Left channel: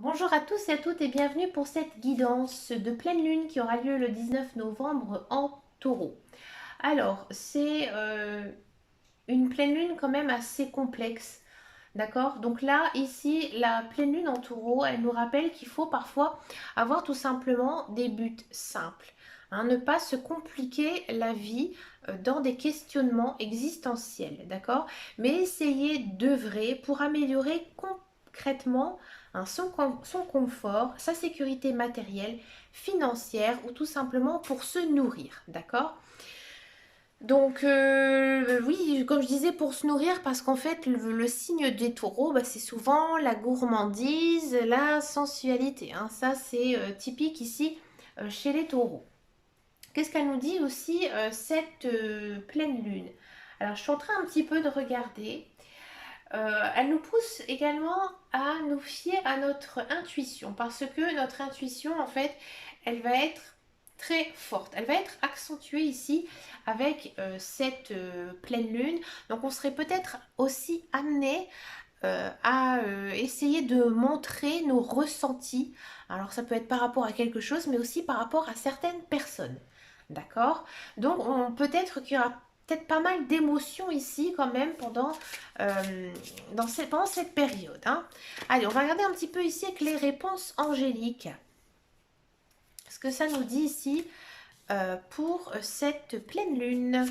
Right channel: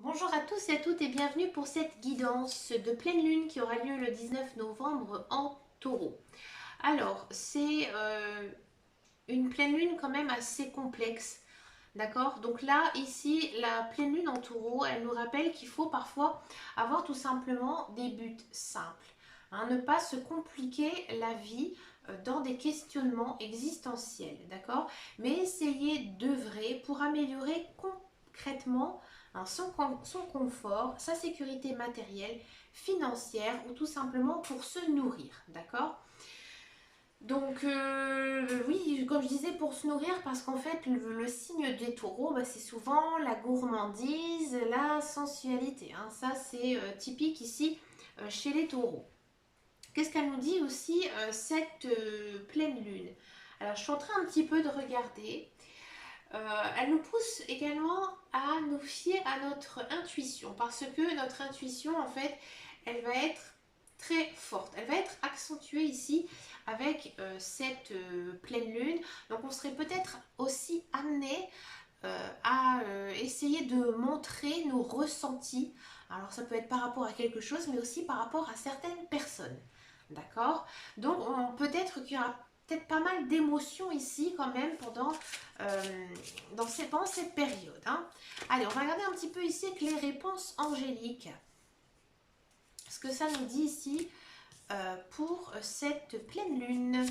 Bonjour à tous et à toutes et bienvenue pour cette guidance de pleine lune qui aura lieu le 19 novembre en taureau. Alors, c'est une pleine lune quand même assez complexe, d'accord? Donc là, ici, la pleine lune en taureau, elle nous rappelle qu'il faut parfois avoir tout simplement des buts simples, hein, ne pas se compliquer la vie dans des questionnements existentiels, d'accord? Mais essayer d'œuvrer pour améliorer concrètement hein, son confort, sa sécurité matérielle, financière ou tout simplement pour se nourrir, d'accord? Donc oui, comme je disais, pour se nourrir, parce qu'en fait, le signe des taureaux, bah, c'est souvent la gourmandise, la sensualité, hein. Ça, c'est typique ici chez les taureaux. Qu'est-ce qu'elle nous dit aussi, cette pleine lune? Alors, je suis en train un petit peu de regarder. Elle nous pousse également à nous fier à notre intuition, parce que notre intuition, en fait, elle va être très forte. Elle va être accentuée ici avec cette pleine lune. Donc, on serait peut-être aussi amené à essayer de montrer nos ressentis. Alors, ça peut être par rapport à quelque chose, mais aussi par rapport à certaines personnes. D'accord? Donc, peut-être qu'il y aura peut-être pas mal d'émotions ici quand même pendant cette période, hein. Allez, on va regarder un petit peu ici avec les réponses angéliques. Ce que ça nous dit ici pour cette pleine lune.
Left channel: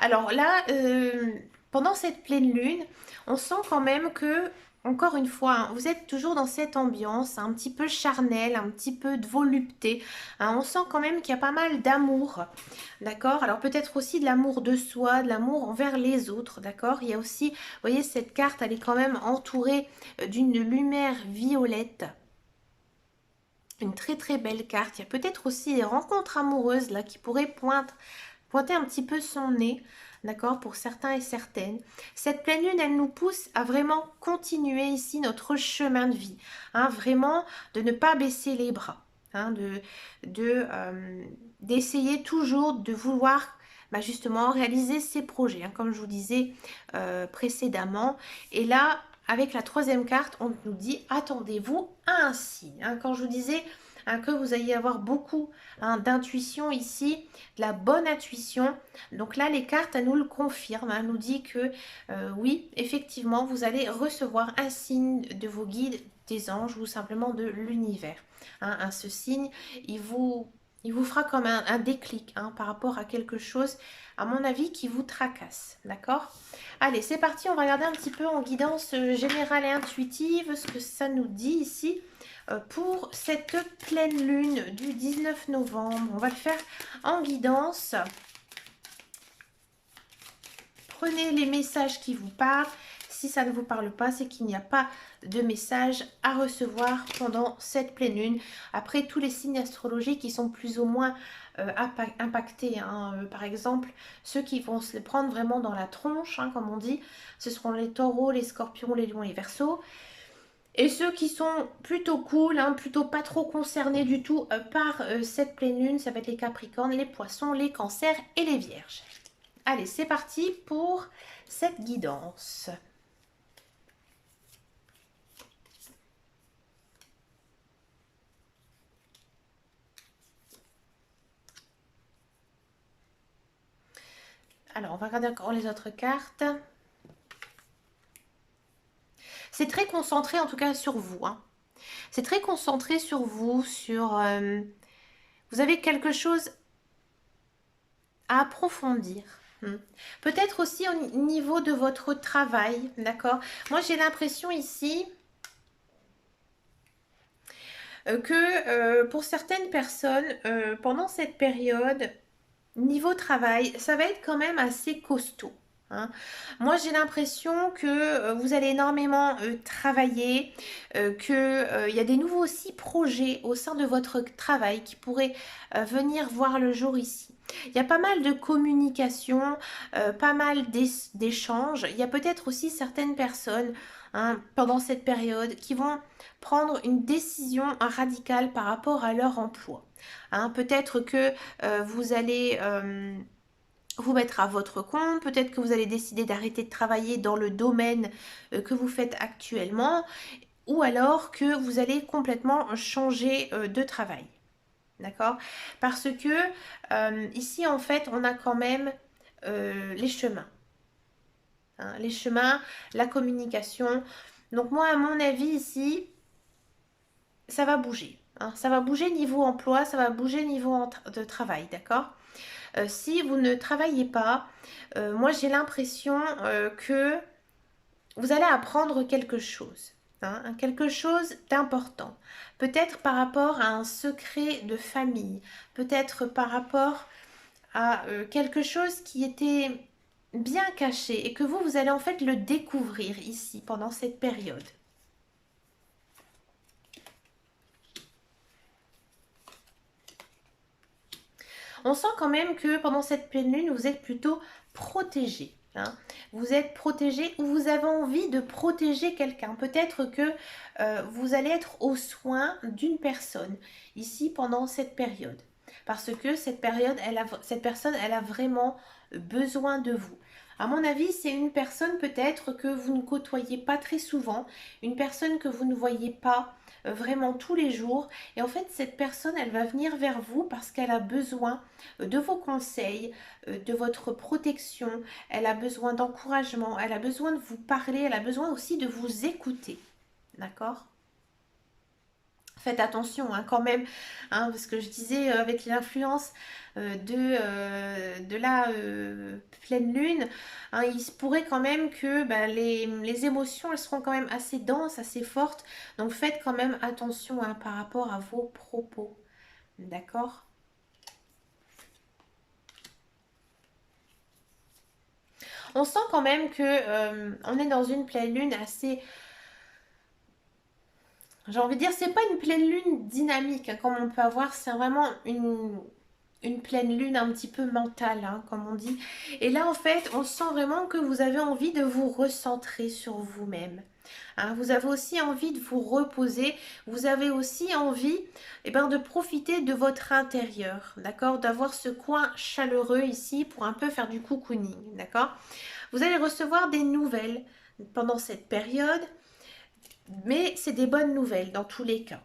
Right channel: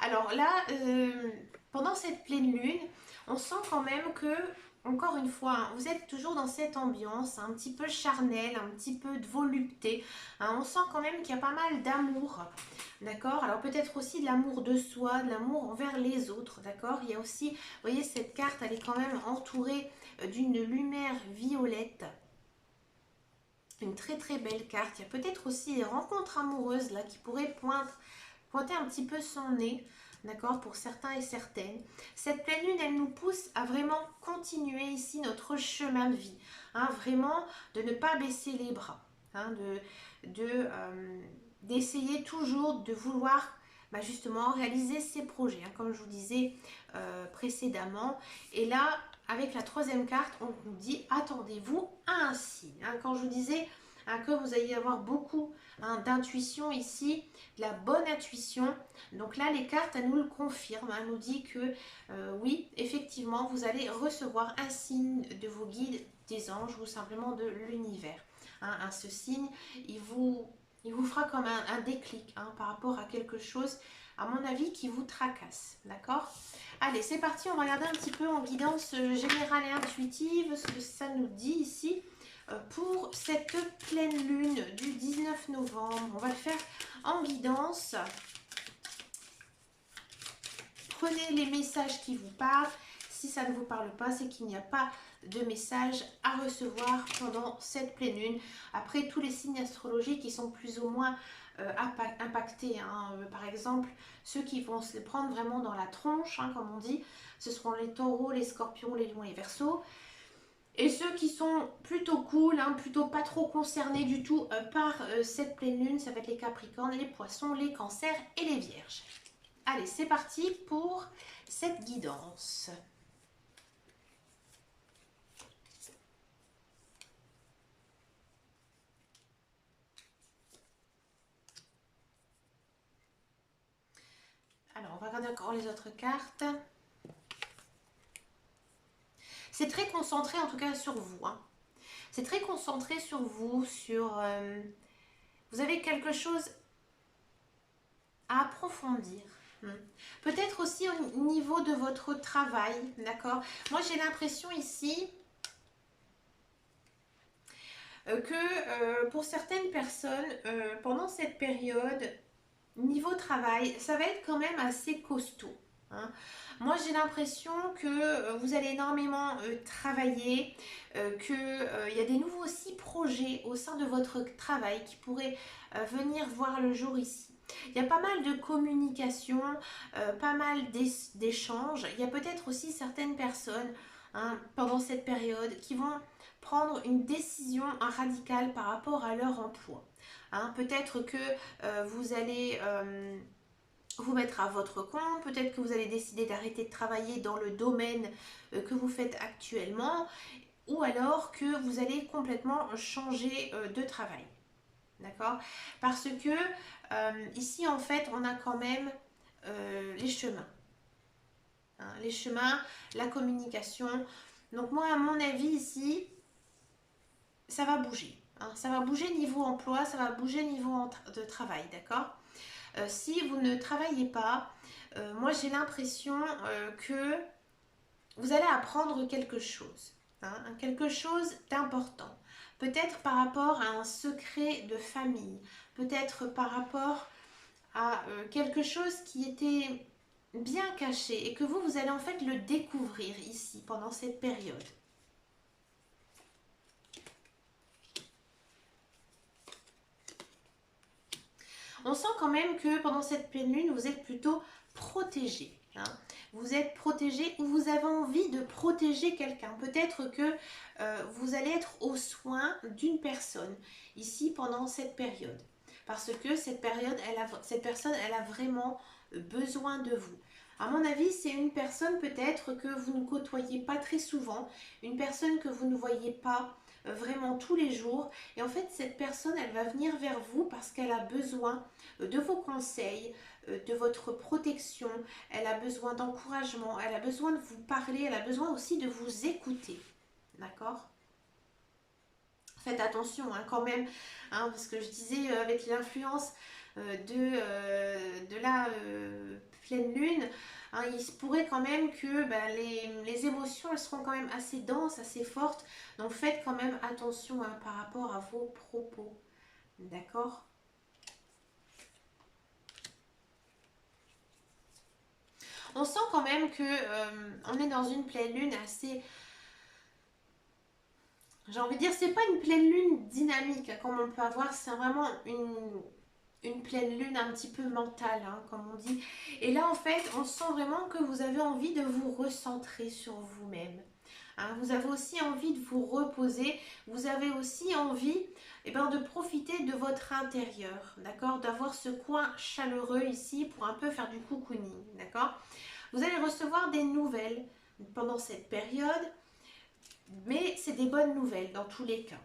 Alors là, pendant cette pleine lune, on sent quand même que, encore une fois, hein, vous êtes toujours dans cette ambiance un petit peu charnelle, un petit peu de volupté, hein. On sent quand même qu'il y a pas mal d'amour, d'accord? Alors peut-être aussi de l'amour de soi, de l'amour envers les autres, d'accord? Il y a aussi, vous voyez, cette carte, elle est quand même entourée d'une lumière violette. Une très très belle carte. Il y a peut-être aussi des rencontres amoureuses là qui pourraient pointer un petit peu son nez, d'accord, pour certains et certaines. Cette pleine lune, elle nous pousse à vraiment continuer ici notre chemin de vie, hein, vraiment de ne pas baisser les bras, hein, d'essayer toujours de vouloir bah, justement réaliser ses projets, hein, comme je vous disais précédemment. Et là, avec la troisième carte, on nous dit attendez-vous à un signe, hein. Quand je vous disais hein, que vous alliez avoir beaucoup hein, d'intuition ici, de la bonne intuition. Donc là, les cartes, elles nous le confirment. Elles nous dit que oui, effectivement, vous allez recevoir un signe de vos guides, des anges ou simplement de l'univers. Hein, ce signe, il vous fera comme un déclic hein, par rapport à quelque chose, à mon avis, qui vous tracasse. D'accord? Allez, c'est parti. On va regarder un petit peu en guidance générale et intuitive ce que ça nous dit ici pour cette pleine lune du 19 novembre. On va le faire en guidance. Prenez les messages qui vous parlent. Si ça ne vous parle pas, c'est qu'il n'y a pas de message à recevoir pendant cette pleine lune. Après, tous les signes astrologiques qui sont plus ou moins impactés, hein. Par exemple, ceux qui vont se les prendre vraiment dans la tronche, hein, comme on dit, ce seront les taureaux, les scorpions, les lions, les verseaux. Et ceux qui sont plutôt cool, hein, plutôt pas trop concernés du tout par cette pleine lune, ça va être les capricornes, les poissons, les cancers et les vierges. Allez, c'est parti pour cette guidance. Alors, on va regarder encore les autres cartes. C'est très concentré en tout cas sur vous, hein. C'est très concentré sur vous, vous avez quelque chose à approfondir. Peut-être aussi au niveau de votre travail, d'accord? Moi, j'ai l'impression ici que pour certaines personnes, pendant cette période, niveau travail, ça va être quand même assez costaud, hein. Moi, j'ai l'impression que vous allez énormément travailler, qu'il y a des nouveaux aussi projets au sein de votre travail qui pourraient venir voir le jour ici. Il y a pas mal de communication, pas mal d'échanges. Il y a peut-être aussi certaines personnes hein, pendant cette période qui vont prendre une décision radicale par rapport à leur emploi. Hein, peut-être que vous allez vous mettre à votre compte, peut-être que vous allez décider d'arrêter de travailler dans le domaine que vous faites actuellement, ou alors que vous allez complètement changer de travail. D'accord? Parce que ici, en fait, on a quand même les chemins. Hein, les chemins, la communication. Donc moi, à mon avis, ici, ça va bouger. Hein. Ça va bouger niveau emploi, ça va bouger niveau de travail, d'accord? Si vous ne travaillez pas, moi j'ai l'impression que vous allez apprendre quelque chose, hein, quelque chose d'important. Peut-être par rapport à un secret de famille, peut-être par rapport à quelque chose qui était bien caché et que vous allez en fait le découvrir ici pendant cette période. On sent quand même que pendant cette pleine lune, vous êtes plutôt protégé. Hein. Vous êtes protégé ou vous avez envie de protéger quelqu'un. Peut-être que vous allez être aux soins d'une personne ici pendant cette période. Parce que cette personne, elle a vraiment besoin de vous. À mon avis, c'est une personne peut-être que vous ne côtoyez pas très souvent, une personne que vous ne voyez pas vraiment tous les jours. Et en fait, cette personne, elle va venir vers vous parce qu'elle a besoin de vos conseils, de votre protection, elle a besoin d'encouragement, elle a besoin de vous parler, elle a besoin aussi de vous écouter. D'accord? Faites attention hein, quand même, hein, parce que je disais avec l'influence de la pleine lune, hein, il se pourrait quand même que les émotions, elles seront quand même assez denses, assez fortes. Donc faites quand même attention hein, par rapport à vos propos. D'accord? On sent quand même que on est dans une pleine lune assez, j'ai envie de dire, c'est pas une pleine lune dynamique hein, comme on peut avoir, c'est vraiment une pleine lune un petit peu mentale, hein, comme on dit. Et là, en fait, on sent vraiment que vous avez envie de vous recentrer sur vous-même. Hein, vous avez aussi envie de vous reposer. Vous avez aussi envie de profiter de votre intérieur, d'accord? D'avoir ce coin chaleureux ici pour un peu faire du cocooning, d'accord? Vous allez recevoir des nouvelles pendant cette période, mais c'est des bonnes nouvelles dans tous les cas.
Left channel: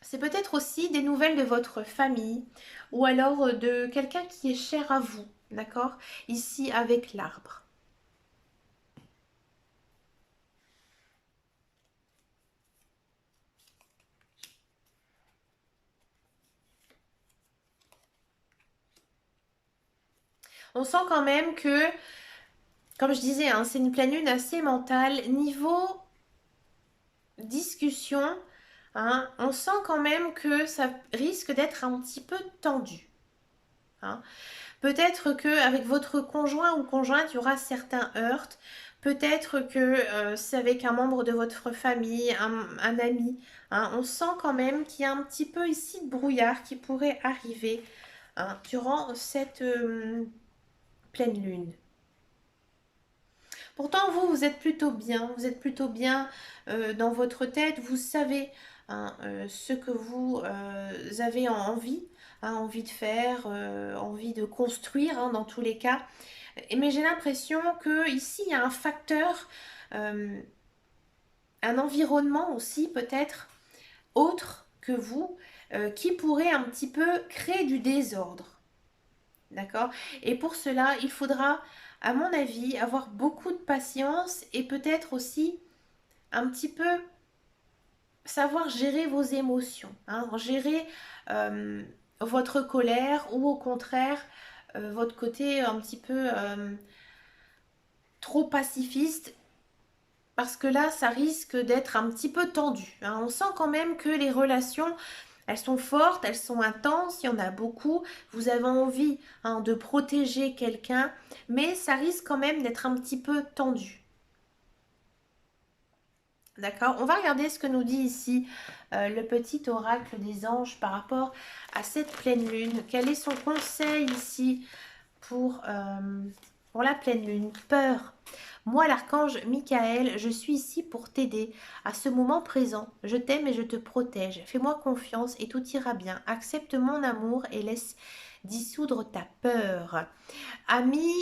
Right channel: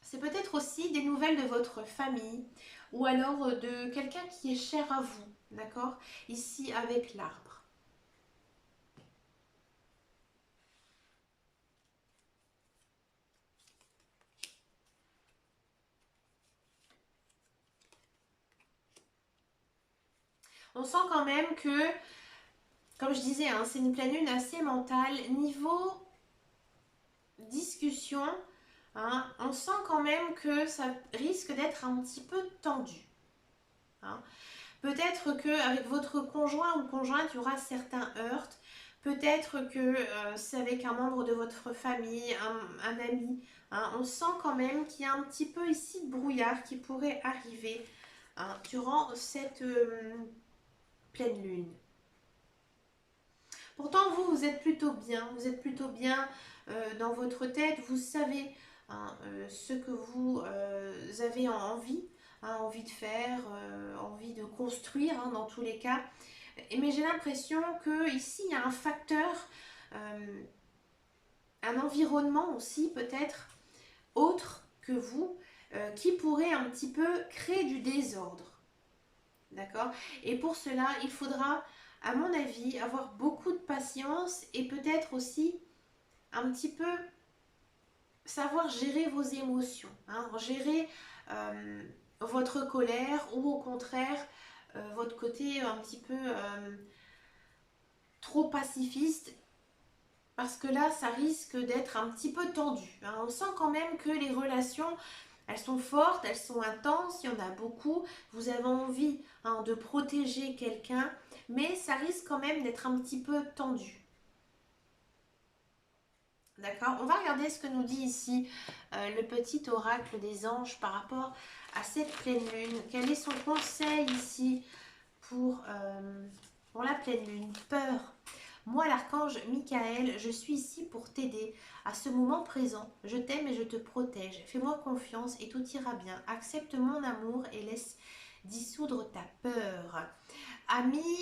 C'est peut-être aussi des nouvelles de votre famille ou alors de quelqu'un qui est cher à vous, d'accord? Ici avec l'arbre. On sent quand même que, comme je disais, hein, c'est une pleine lune assez mentale. Niveau discussion, hein, on sent quand même que ça risque d'être un petit peu tendu. Hein. Peut-être qu'avec votre conjoint ou conjointe, il y aura certains heurts. Peut-être que c'est avec un membre de votre famille, un ami. Hein. On sent quand même qu'il y a un petit peu ici de brouillard qui pourrait arriver hein, durant cette pleine lune. Pourtant, vous êtes plutôt bien. Vous êtes plutôt bien dans votre tête. Vous savez hein, ce que vous avez envie, hein, envie de faire, envie de construire hein, dans tous les cas. Mais j'ai l'impression que ici il y a un facteur, euh, un environnement aussi peut-être autre que vous, qui pourrait un petit peu créer du désordre. D'accord? Et pour cela, il faudra, à mon avis, avoir beaucoup de patience et peut-être aussi un petit peu savoir gérer vos émotions, hein, gérer euh, votre colère ou au contraire votre côté un petit peu trop pacifiste parce que là, ça risque d'être un petit peu tendu. Hein. On sent quand même que les relations, elles sont fortes, elles sont intenses, il y en a beaucoup. Vous avez envie hein, de protéger quelqu'un, mais ça risque quand même d'être un petit peu tendu. D'accord? On va regarder ce que nous dit ici le petit oracle des anges par rapport à cette pleine lune. Quel est son conseil ici pour la pleine lune? Peur. Moi, l'archange Michael, je suis ici pour t'aider à ce moment présent. Je t'aime et je te protège. Fais-moi confiance et tout ira bien. Accepte mon amour et laisse dissoudre ta peur. Ami,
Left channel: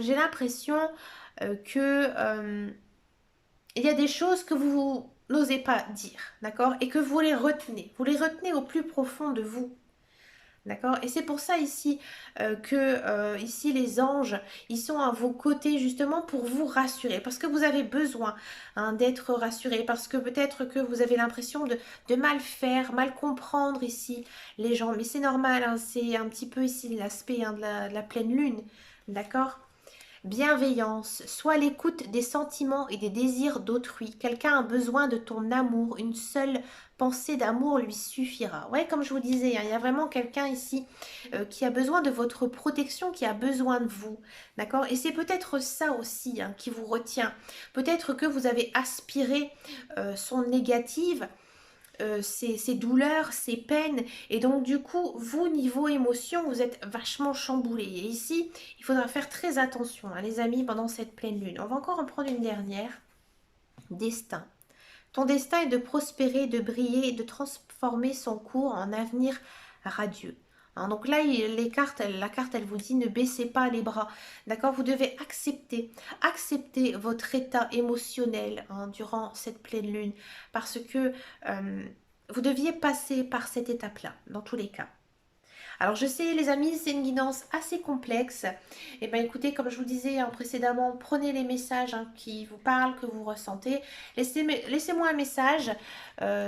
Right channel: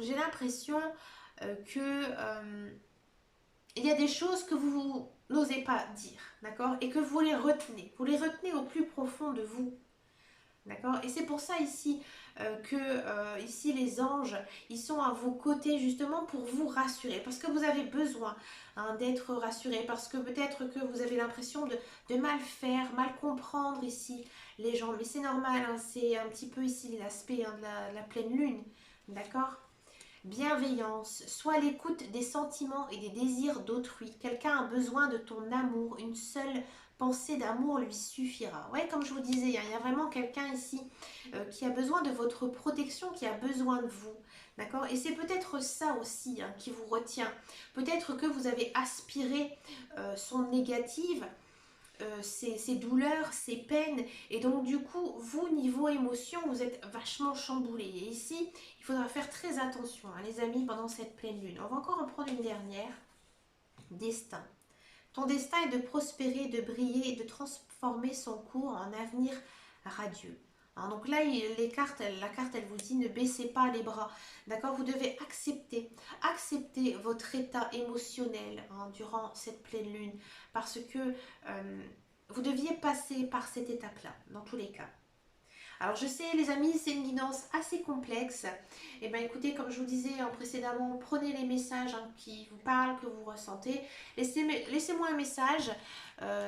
j'ai l'impression que il y a des choses que vous n'osez pas dire, d'accord? Et que vous les retenez. Vous les retenez au plus profond de vous. D'accord. Et c'est pour ça ici que ici les anges, ils sont à vos côtés justement pour vous rassurer. Parce que vous avez besoin hein, d'être rassuré. Parce que peut-être que vous avez l'impression de mal faire, mal comprendre ici les gens. Mais c'est normal, hein, c'est un petit peu ici l'aspect hein, de la pleine lune. D'accord. Bienveillance, soit l'écoute des sentiments et des désirs d'autrui. Quelqu'un a besoin de ton amour, une seule pensée d'amour lui suffira. Ouais, comme je vous disais, hein, il y a vraiment quelqu'un ici qui a besoin de votre protection, qui a besoin de vous. D'accord. Et c'est peut-être ça aussi hein, qui vous retient. Peut-être que vous avez aspiré son négative ces douleurs, ces peines. Et donc, du coup, vous, niveau émotion, vous êtes vachement chamboulé. Et ici, il faudra faire très attention, hein, les amis, pendant cette pleine lune. On va encore en prendre une dernière. Destin. Ton destin est de prospérer, de briller, de transformer son cours en avenir radieux. Hein, donc là, la carte, elle vous dit ne baissez pas les bras. D'accord. Vous devez accepter votre état émotionnel hein, durant cette pleine lune. Parce que vous deviez passer par cette étape-là, dans tous les cas. Alors je sais les amis, c'est une guidance assez complexe. Et bien écoutez, comme je vous disais hein, précédemment, prenez les messages hein, qui vous parlent, que vous ressentez. Laissez-moi un message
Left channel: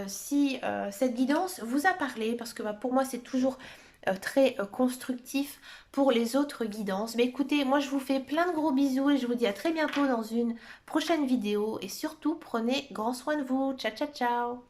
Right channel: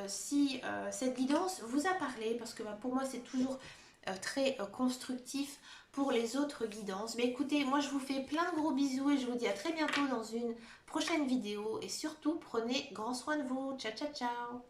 si cette guidance vous a parlé, parce que bah, pour moi c'est toujours très constructif pour les autres guidances. Mais écoutez, moi je vous fais plein de gros bisous et je vous dis à très bientôt dans une prochaine vidéo. Et surtout, prenez grand soin de vous. Ciao, ciao, ciao.